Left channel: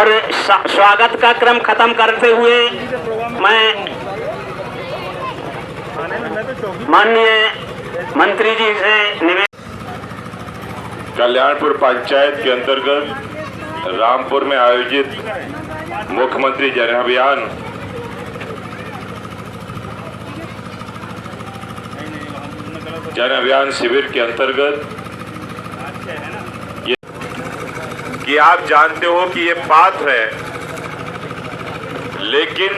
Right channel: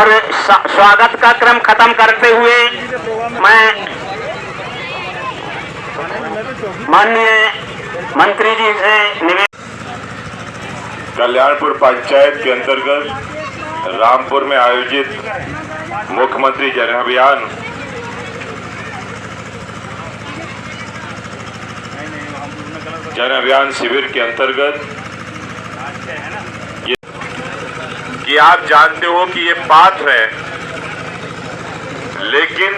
और स्वागत का क्रम खत्म करते हुए मैं माननीय मंत्री जी से कल्याणपुर पंचायत के अंतर्गत रामपुर में आयोजित मुख्यमंत्री जन अभियान शिविर के अंतर्गत कि आप जानते हो कि ये पात्र है, लेकिन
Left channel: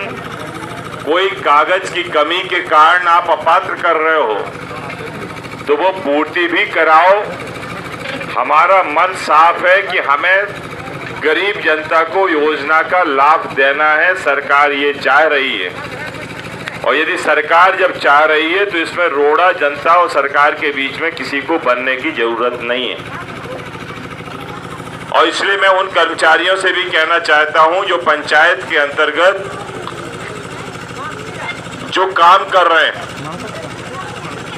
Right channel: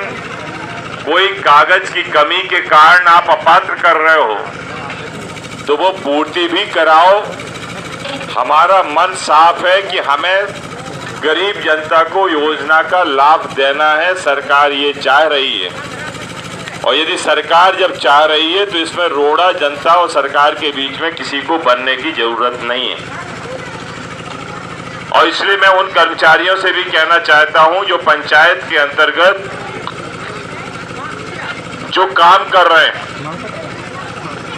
कोई कागज की कमी के कारण आप अपात्र कर रहे हो तो वो पूर्ति भी कराओ। हमारा मन साफ है कि हमें गरीब जनता को योजना का लाभ देना है, सरकार ये चाह रही है। और यदि सरकार जब चाह रही है तो इसमें रोड़ा जनता और सरकार के बीच में किसी को बनने की जरूरत नहीं है। और इसलिए मैं उन कर्मचारियों से भी कहना चाहता हूं जो पंचायत के अंतर्गत जो काम कर रहे हैं,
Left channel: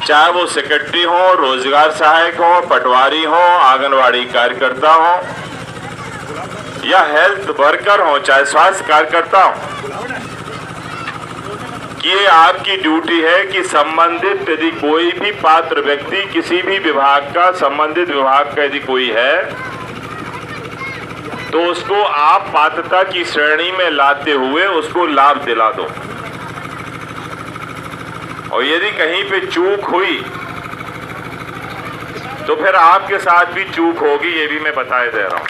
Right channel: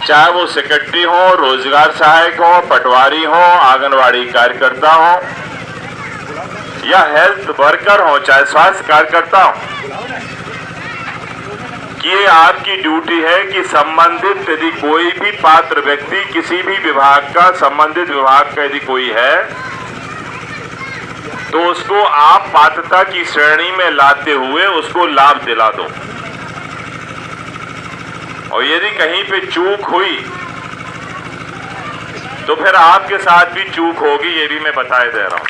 चाहे वो सेक्रेटरी हो, रोजगार सहायक हो, पटवारी हो, आंगनवाड़ी कार्यकर्ता हो या हेल्थ वर्कर हो, चाहे स्वास्थ्य कार्यकर्ता हो, कि ये आपकी ड्यूटी है कि संबंधित यदि कोई भी पात्र व्यक्ति किसी भी विभाग का, संबंधित विभाग का यदि कोई है तो उसको आप पात्रता की श्रेणी में लाते हुए उसको लाभ दिला दो। और यदि कहीं पे चूक हुई तो फिर आपके साथ भी चूक होगी, ये भी मैं बताए दे रहा हूं।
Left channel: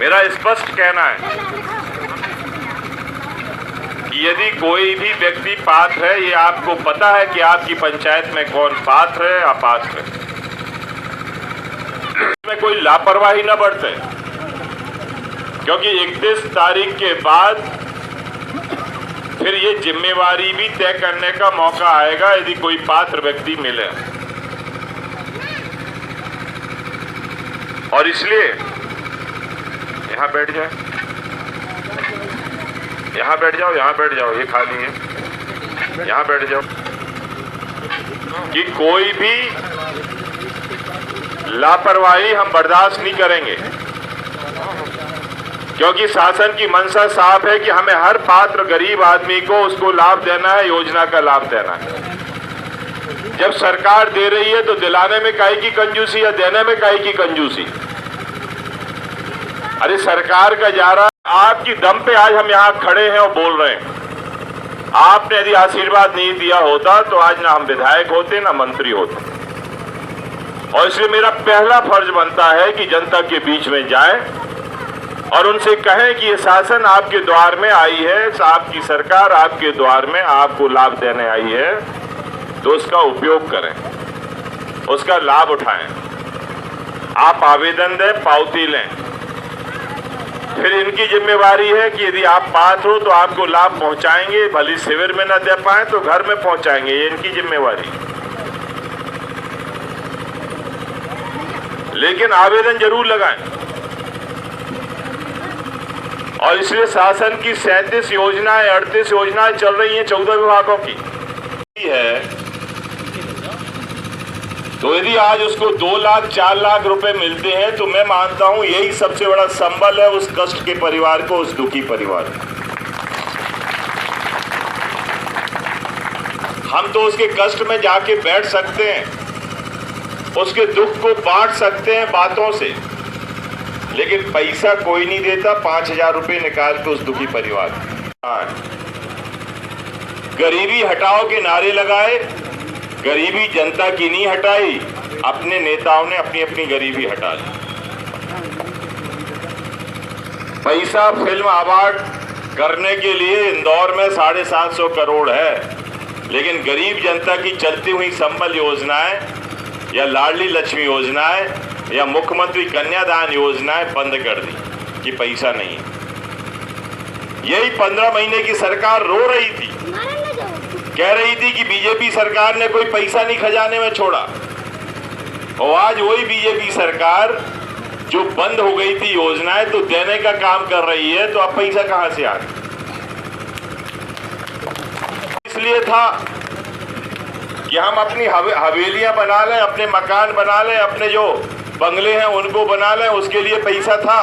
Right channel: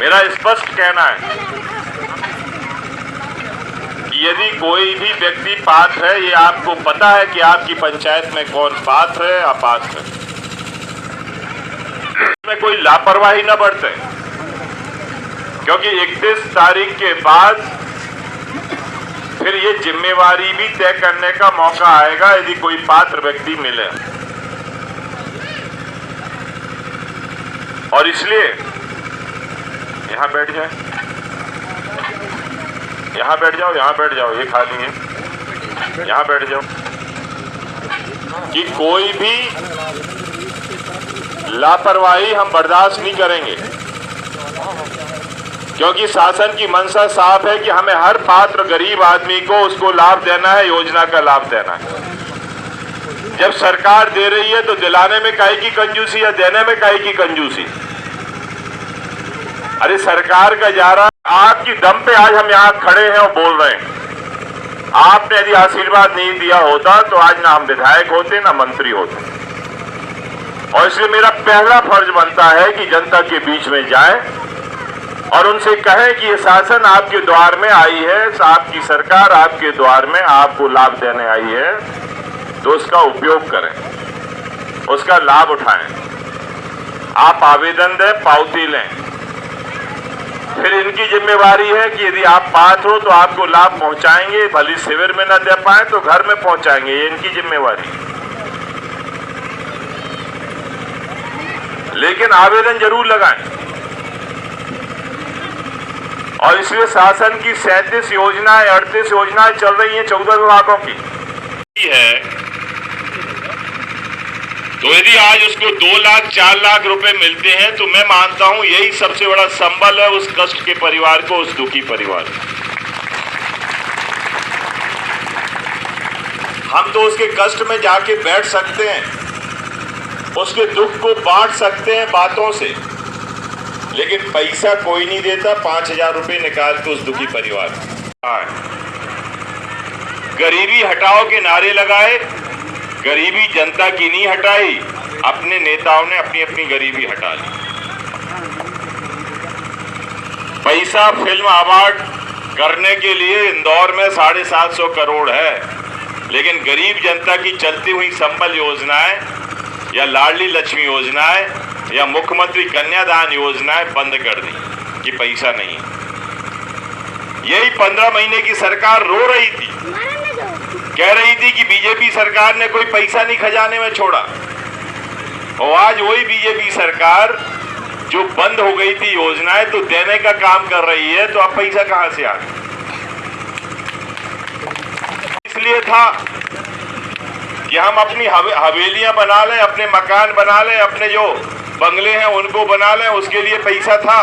मेरा स्पष्ट कहना है कि यदि कोई भी व्यक्ति पात्र है, ये आपको पता है कि आपकी पंचायत में कौन पात्र है, अपात्र है, में कोई लापरवाही न बरते, क्योंकि 31 तारीख के बाद फिर ये जिम्मेवारी भी तय करने का मौका आएगा यदि कोई पात्र व्यक्ति मिले। और इसलिए यहां बैठ जाए, यहां बैठ जाओ, यहां बैठ जाओ, ये खाली है, यहां बैठ जाओ, कि कोई भी लापरवाही हम बर्दाश्त नहीं करेंगे, क्योंकि शासन की मंशा साफ है कि हमें हर पात्र गरीब आदमी को उसको लाभ देना है, योजना का लाभ देना है। जब सरकार दे रही है तो दिलाने में काहे की कंजूसी या देने में काहे की कंजूसी? अरे सरकार का जा रहा, आपकी दम पे आज हम यहाँ खड़े हैं और बोल रहे हैं। आपने यदि आशीर्वाद नहीं दिया होता तो आज ना हम विधायक होते ना मंत्री होते। और इसलिए मेरा पहला फर्ज बनता है कि जनता के बीच में जाए और उनसे कहें कि ये शासन आपके द्वार में आई है, आपकी सरकार आपके द्वार में आपको लाभ देने आई है, तो उसका उपयोग करें, उसका लाभ उठाएं। आप आवेदन दें, पावती लें, फिर इनकी जिम्मेवारी है कि यदि आप पात्र हो तो आपको लाभ पहुंचाएंगे, भले शिविर में न दे पाए तो घर में पहुंचाएंगे, ये इनकी जिम्मेवारी है। लेकिन आवेदन जरूर लगाएं। और इसलिए शासन की 37 योजनाएं, 38 योजनाएं चल रही हैं 14 विभागों की है। तो यदि आज उसको 2 लाख 4 लाख रुपए मिलते हैं तो मैं मानता हूं यही सबसे बड़ा संबल है उस कष्ट के परिवार को, उस दुखी परिवार को। हम तो उसके कष्ट में जाके बैठ सकते हैं, उसके दुख को बांट सकते हैं बातों से, लेकिन पैसा कोई नहीं देता 5000 रुपए निकाल के उस दुखी परिवार। गरीबी हटाओ के नारे लगाए, गरीबी जनता की नहीं हटाई, अपने नेताओं ने अपनी अपनी गरीबी हटा ली। पैसा फिल्म अवार्ड करने के लिए इंदौर में 750 करोड़ है, लेकिन गरीब जनता की चलती हुई संबल योजनाएं या लाडली लक्ष्मी योजनाएं या मुख्यमंत्री कन्यादान योजनाएं बंद कर दी कि पैसा नहीं। यही 15 महीने की सरकार रो रही थी, कह रही थी कि बीजेपी सरकार ने कोई पैसा नहीं खजाने में छोड़ा। और आज वही बीजेपी सरकार जो बंद हो गई थी योजनाएं तो देने का काम कर रही है, तो अब पैसा कहां से आए? इसलिए था कि हम अपनी हवेलियां बना लें, अपने मकान बना लें, अपने जो बंगले हैं उनको बना लें, उसके लिए पैसा था,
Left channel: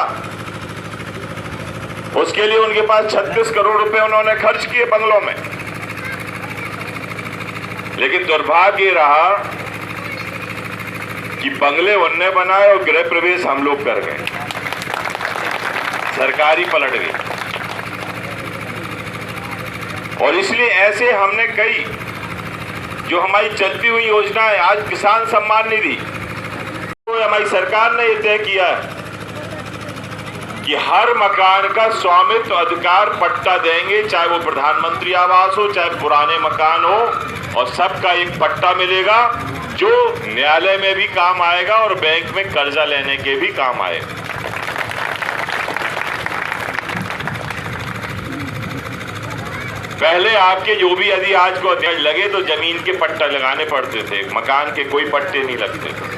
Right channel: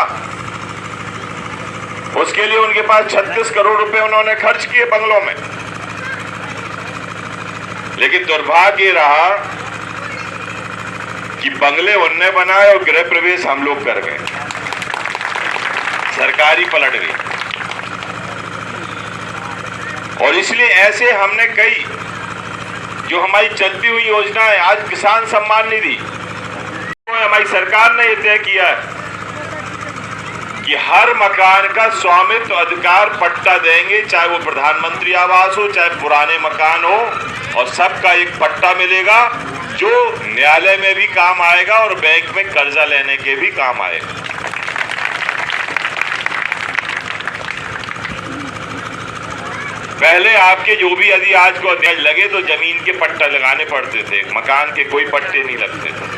उसके लिए उनके पास 36 करोड़ रुपए उन्होंने खर्च किए बंगलों में। लेकिन दुर्भाग्य रहा कि बंगले उनने बनाए और गृह प्रवेश हम लोग कर गए, सरकारी पलट गई। और इसलिए ऐसे हमने कई जो हमारी चलती हुई योजना है, आज किसान सम्मान निधि, तो हमारी सरकार ने यह तय किया है कि हर मकान का स्वामित्व अधिकार पट्टा देंगे, चाहे वो प्रधानमंत्री आवास हो, चाहे पुराने मकान हो, और सबका एक पट्टा मिलेगा जो न्यायालय में भी काम आएगा और बैंक में कर्जा लेने के भी काम आएगा। पहले आपके जो भी यदि आज को ब्याज लगे तो जमीन के पट्टा लगाने पड़ते थे, मकान के कोई पट्टे नहीं लगते थे।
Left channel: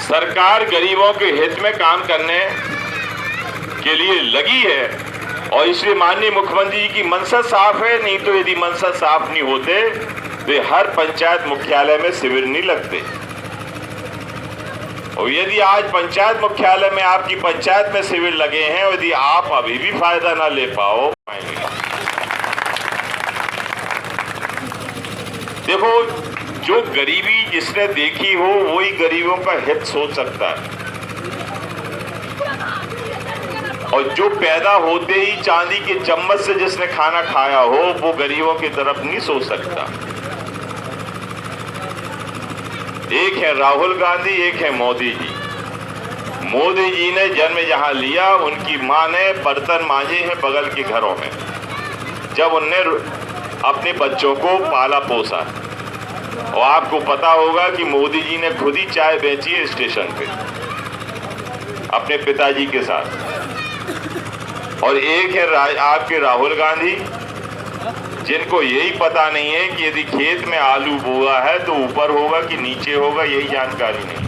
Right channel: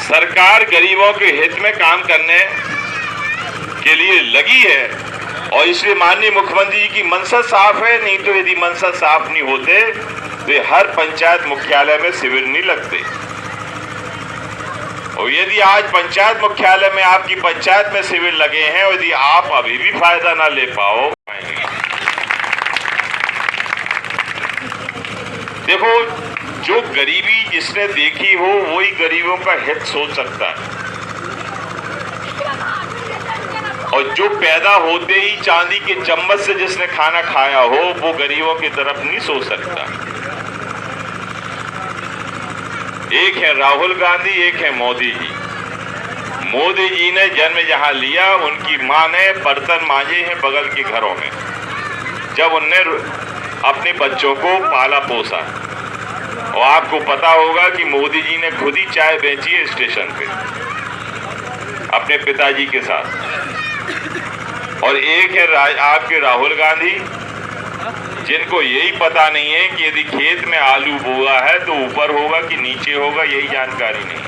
सरकार गरीबों के हित में काम करने के लिए लगी है और इसलिए माननीय मुख्यमंत्री जी की मंशा साफ है। नहीं तो यदि मंशा साफ नहीं होते तो हर पंचायत मुख्यालय में शिविर नहीं लगते। और यदि आज पंचायत मुख्यालय में आपकी पंचायत में शिविर लगे हैं और यदि आप अभी भी फायदा ना ले पाओ, देखो जो गरीबी जिसने देखी हो वही गरीबों का हित सोच सकता है, और जो पैदा होते ही चांदी के चम्मच से जिसने खाना खाया हो वो गरीबों की तरफ नहीं सोच सकता। एक है राहुल गांधी, एक है मोदी जी। मोदी जी ने जन्म जहां लिया उनकी मां ने बर्तन मांजे हैं बगल के घरों में, जब उनने अपने बच्चों को पाला पोसा। और आपको पता होगा कि मोदी जी ने खुद ही चाय बेची है स्टेशन पे अपने पिताजी के साथ। और एक है आपके राहुल गांधी, जिनको यही पता नहीं है कि यदि खेत में आलू बोआ है तो ऊपर होगा कि नीचे होगा, यही जानकारी नहीं।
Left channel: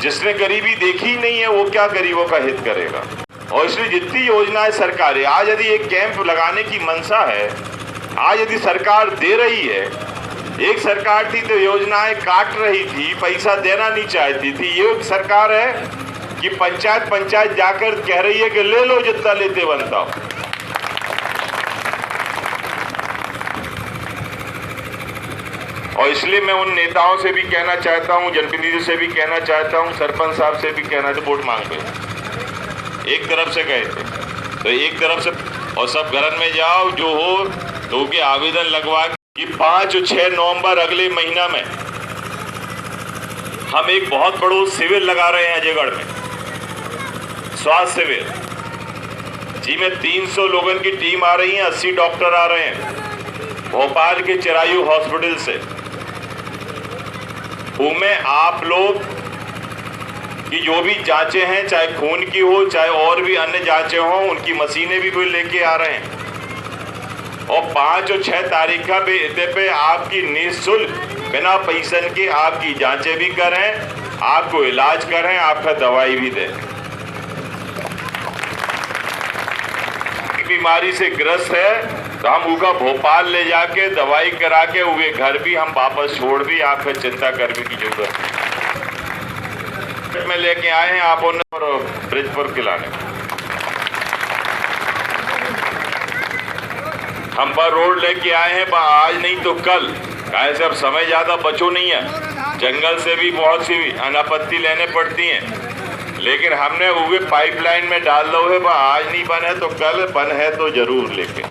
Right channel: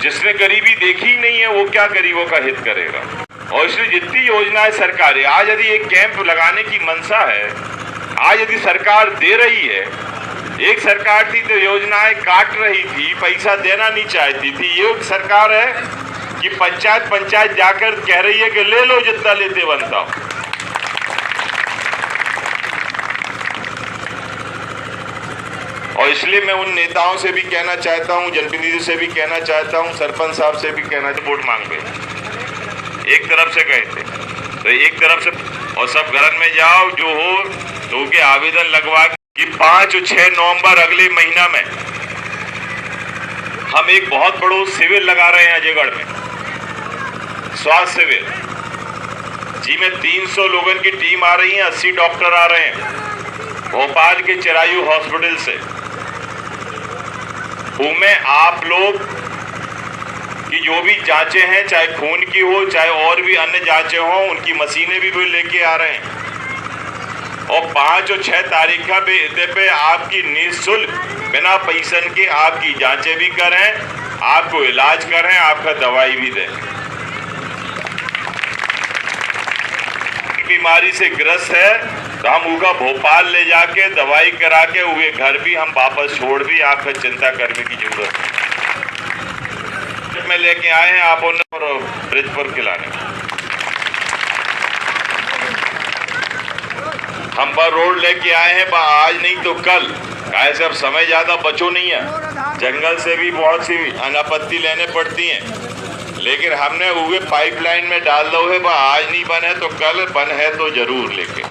जिसने गरीबी देखी ही नहीं है वो क्या गरीबों का हित करेगा। और इसलिए जितनी योजनाएं सरकार है, आज यदि एक कैंप लगाने की मंशा है, आज यदि सरकार दे रही है, एक सरकार थी तो योजनाएं काट रही थी, पैसा देना नहीं चाहती थी। ये सरकार है कि पंचायत जाकर कह रही है कि ले लो जितना लेते बनता हो। और इसलिए मैं उन नेताओं से भी कहना चाहता हूं, जनप्रतिनिधियों से भी कहना चाहता हूं, सरपंच साहब से भी कहना, तो वोट मांग रहे एक तरफ से कहे थे तो एक तरफ से, और सब घर में जाओ जो हो तो के आवेदन लगवा कि 5 और 6 नवंबर अगले महीना में हम एक बहुत बड़ा शिविर लगा रहे हैं अजयगढ़ में, स्वास्थ्य शिविर जी में 300 लोगों की टीम आ रही है, 80 डॉक्टर आ रहे हैं भोपाल के चिरायू हॉस्पिटल से। उनमें आप लोग की जो भी जांचें हैं, चाहे खून की हो चाहे और भी अन्य जांचें हो, उनकी मशीनें भी वो लेके आ रहे हैं। और 5 और 6 तारीख का पे आपकी निःशुल्क बिना पैसे के आपकी जांचें भी करें, आपको इलाज करें, आपका दवाई भी दें। बीमारी से ग्रस्त है तो हम उनका भोपाल ले जाके दवाई करा के उनके घर भी हम वापस छोड़ भी, आपको चिंता करने की जरूरत नहीं। में लेके आए हैं आप उन्हें ब्रिज पर खिलाने, हम पर रोड लेके आए हैं आज नहीं तो कल। ऐसा समय ज्यादा बचो नहीं है, जंगल से भी बहुत सी अनापत्ति लेने पड़ती हैं, लेकिन हमने वो पाइपलाइन में डाल दो है, आज नहीं बन है तो कल, बन है तो जरूर लेके।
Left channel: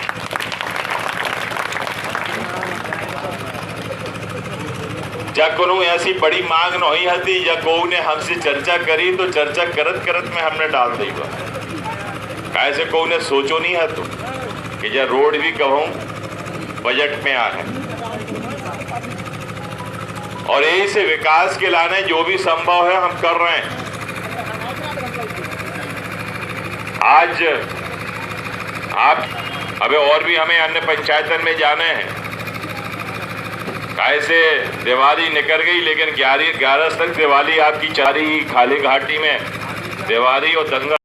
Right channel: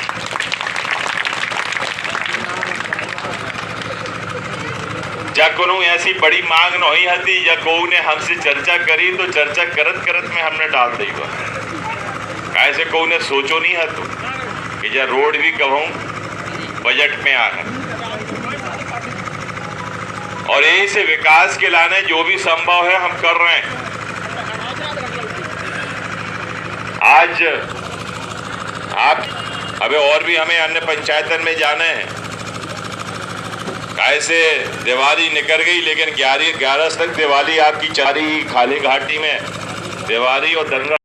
जब को ऐसी बड़ी मांग नहीं हती, जब को ने हमसे चर्चा करी तो चर्चा करत करत में हमने डाल दी। ऐसे को ने सोचो नहीं है तो कि जब रोड भी कहूँ बजट में आ है। और यही से विकास के लाने जो भी संभव है हम कर रहे हैं। आज आप अबे और भी हमें अन्य पंचायतन में जाने हैं। ऐसे दिवाली निकल गई, लेकिन 11 तक दिवाली आपकी चारी खाली घाटी में दिवाली और दंगा